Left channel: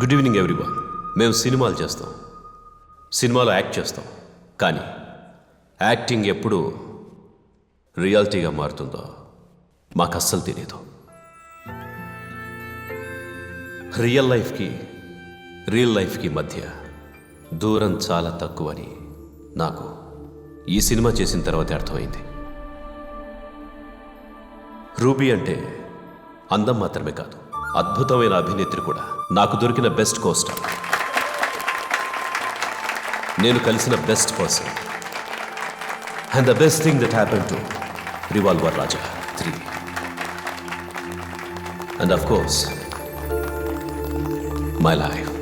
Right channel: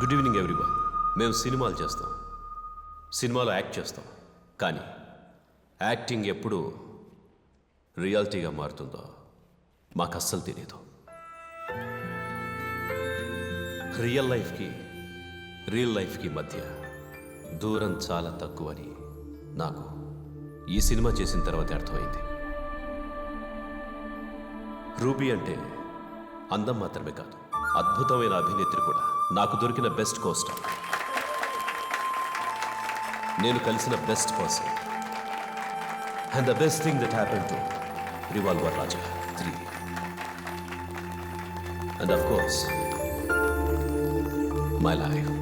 Good evening everyone. మేము సినిమాలు చేస్తాం, సినిమాలో యాక్ట్ చేస్తాం, కానీ యాక్టింగ్ ఎప్పుడు రియాలిటీగా మారుతుందో మాకు అస్సలు తెలియదు. రియల్ లైఫ్కి మధ్య దూరం చాలా తక్కువని నాకు ఈ సినిమా చేసిన తర్వాత అర్థమైంది. రూబీ అంటే అందం మాత్రమే కాదు, అద్భుతమైన అభినేత్రి కూడా. నాకు దొరికిన బెస్ట్ కోస్టర్, నేను కలిసిన best person, and the best thing that happen to revolver Raja 3. And of course my life.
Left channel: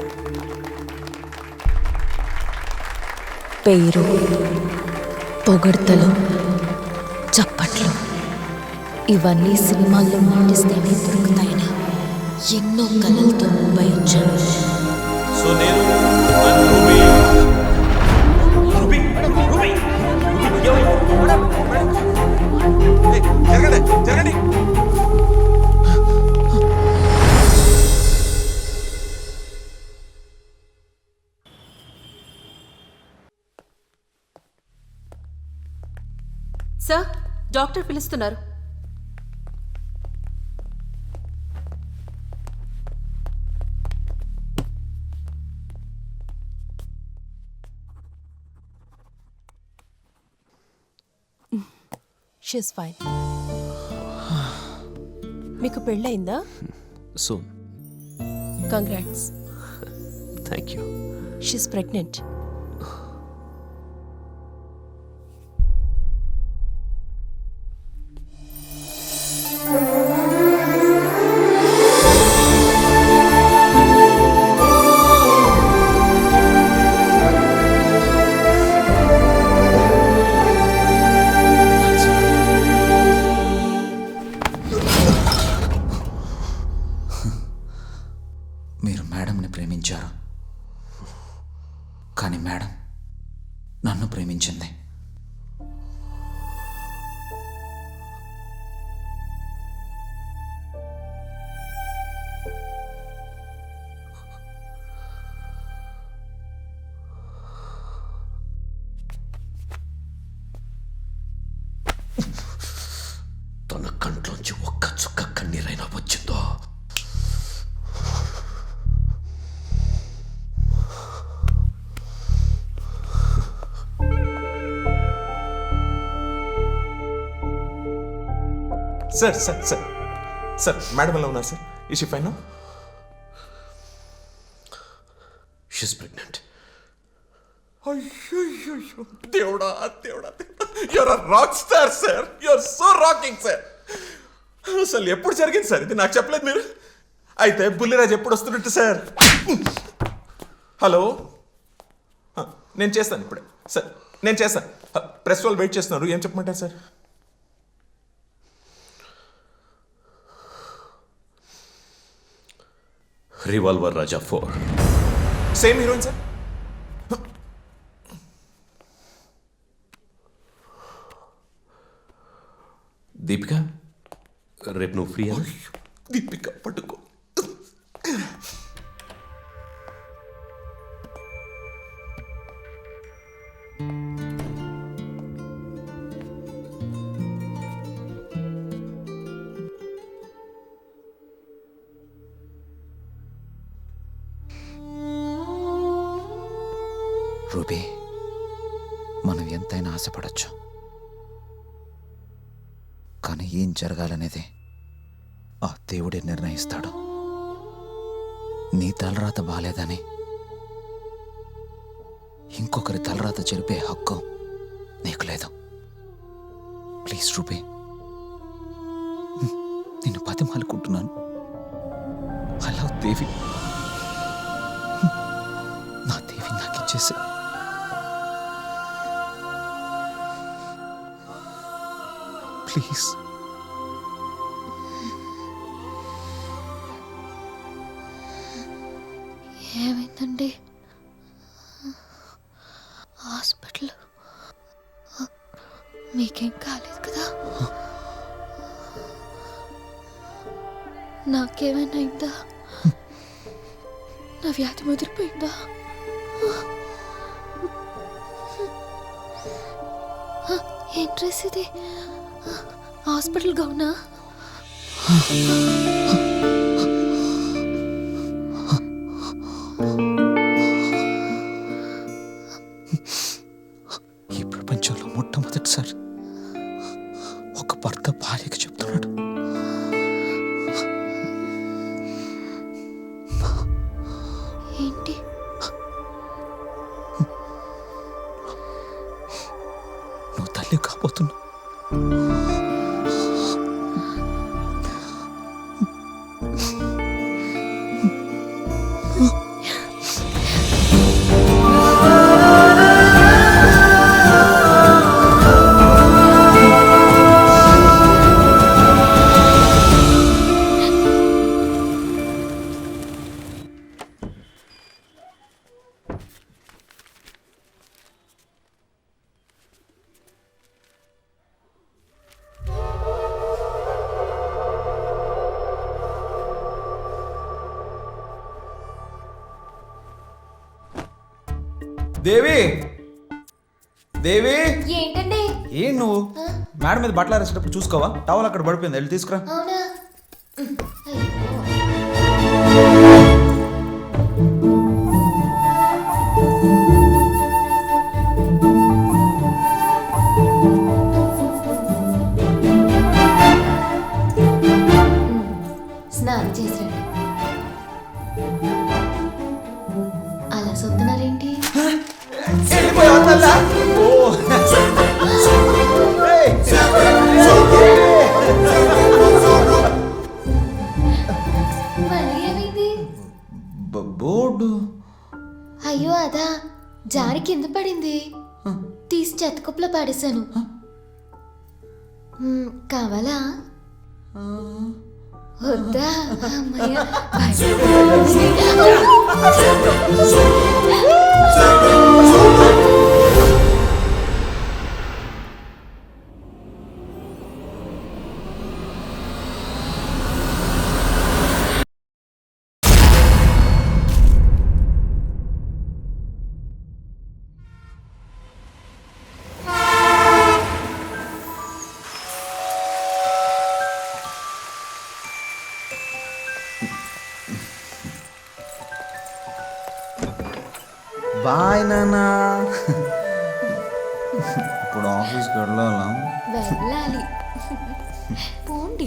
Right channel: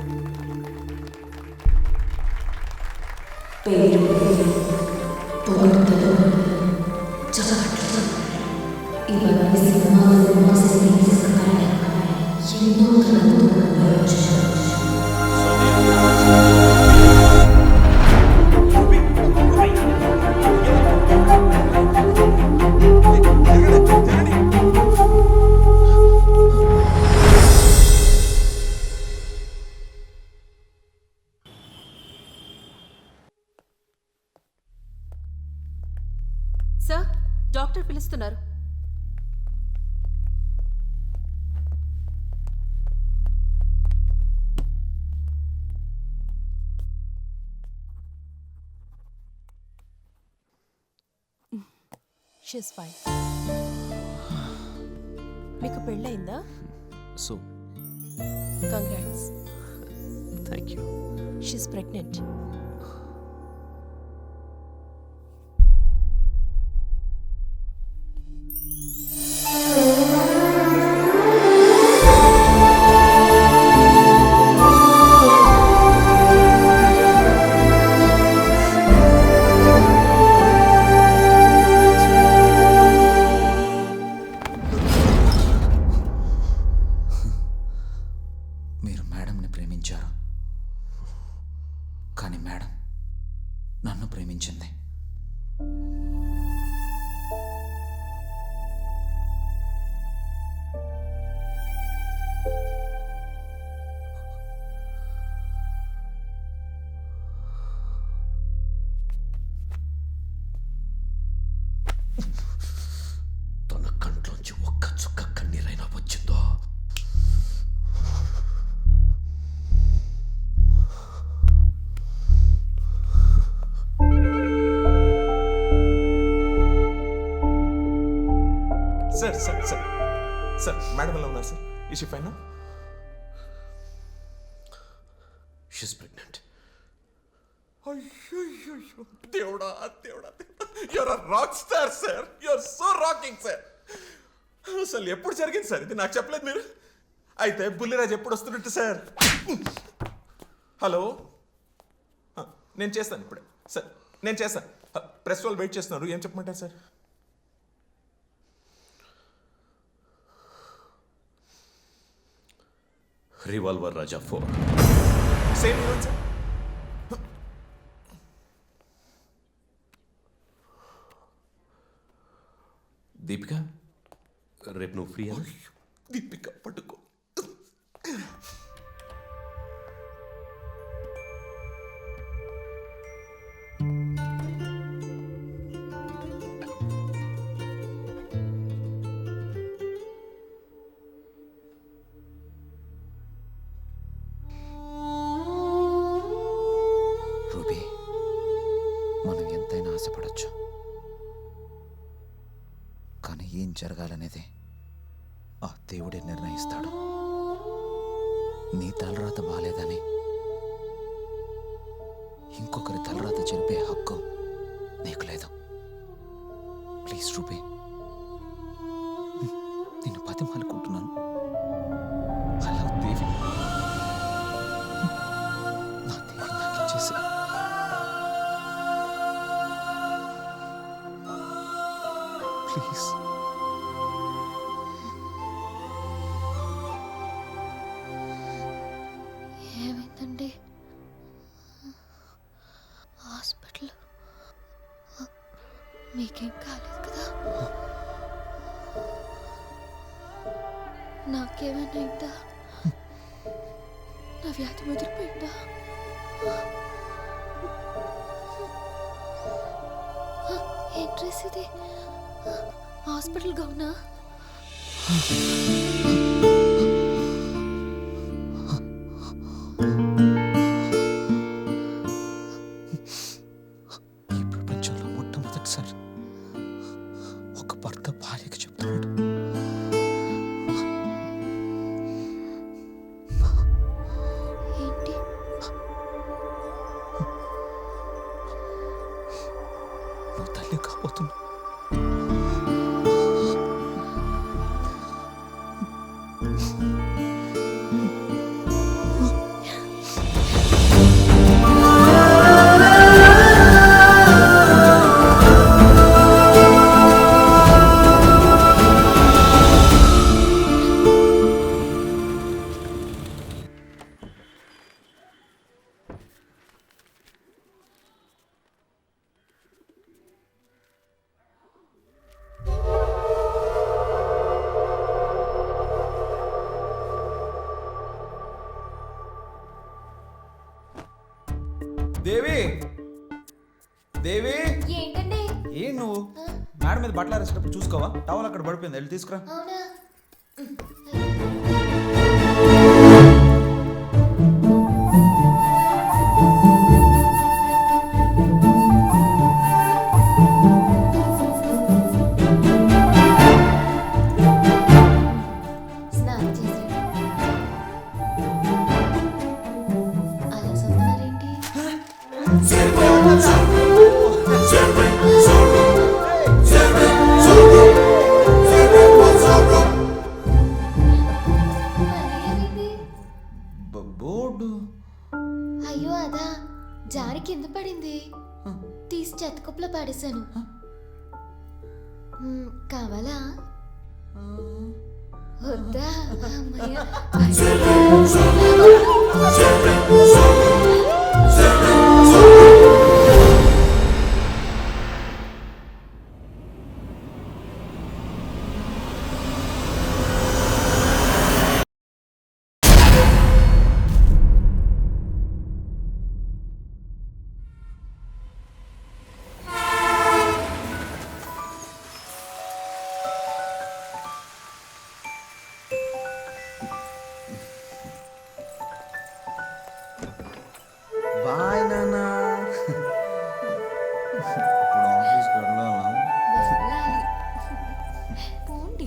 పేరు, పొగడ్తలు, చప్పట్లు ఇవన్నీ సినిమాల్లో నటిస్తేనే దొరుకుతాయని ఎన్నో కళలతో ముంబై వచ్చాను. సో నేను జరగండి. సార్, డాక్టర్ పిలుస్తున్నారు. She's fine. మీకు పెళ్ళయిందా? Soon. Congrats. Thank you. She's pregnant. మీరు మేడంని ప్రేమించారు, కానీ మేడం నన్ను ప్రేమించింది. తన కంట్లోంచి ఒక్క చుక్క కన్నీరైనా వచ్చిందో సార్ మేడం ఎలా ఉన్నారు సార్? ఈ షీ ఫైన్? She's pregnant. అయ్యో దేవుడా, your a rock star sir. Your so rocking sir. అసలు ఎప్పుడు జరిగింది సార్ ఇది? నాకు చెప్పలేదు మీరు. అయితే బుల్లిరాజ్ ఎప్పుడు వస్తున్నట్టు సార్? హలో, నేను చేస్తాను ఇప్పుడే సార్. నేను చేస్తాను. ప్రెస్ వాళ్ళు వెయిట్ చేస్తున్నారు. ఏం చెప్పమంటారు sir? Revolver Raja 4. Same heroine sir. Deepika, రేపు నువ్వు ఫ్రీ? దీపిక పట్టుకో. రూబీ, మనం ఎంతైనా ఆశపడచ్చు, కానీ ఏం జరగాలనేది ఆ దేవుడే నిర్ణయిస్తాడు. నీ తలరాత బాలేదని ఇంకొకరి తలరాత చెరిపే హక్కు నీకు లేదు. ప్లీజ్ రూబీ, నిన్ను బతిమాలుకుంటున్నాను. అలా దేవి, నా దేవి నాకు ఇచ్చేసి. ప్లీజ్. ఏమైందండి? హాస్పిటల్ మీకేం కాలేదు కదా? నాకేమైనా అయిందా? నా వ్యాధి ముదిరిపోయిందా? ఏం డ్రెస్ ఇది? హాస్పిటల్ గౌనా? ఈ ప్రపంచంలో మొట్టమొదటిసారి ఒక భర్త భార్యకి చెప్తున్నాడు, ఏంటి? నువ్వు తల్లి కాబోతున్నావు. దేవి, దేవి, ఏంటండి? ఏం నువ్వు మేడం మీద బట్టలు ఆరేసేటప్పుడు చూసుకోవా? టవల్ అక్కడ పడిపోయింది, వెళ్ళి తీసుకురా. అవునా? స్నానం చేసాడు. అలా సొత్తున్నారేంటి? మళ్ళీ ఏమైంది? బోర్డు అయ్యో అదా, జారి కింద పడింది. తీసి చెత్తకుప్పలో పడేశాను. కావాలా? వద్దా? అమ్మయ్య. బాయ్ నానా. ఇప్పుడు ఆఫీస్కి వెళ్ళాలా? వెళ్ళాలి. పోండి.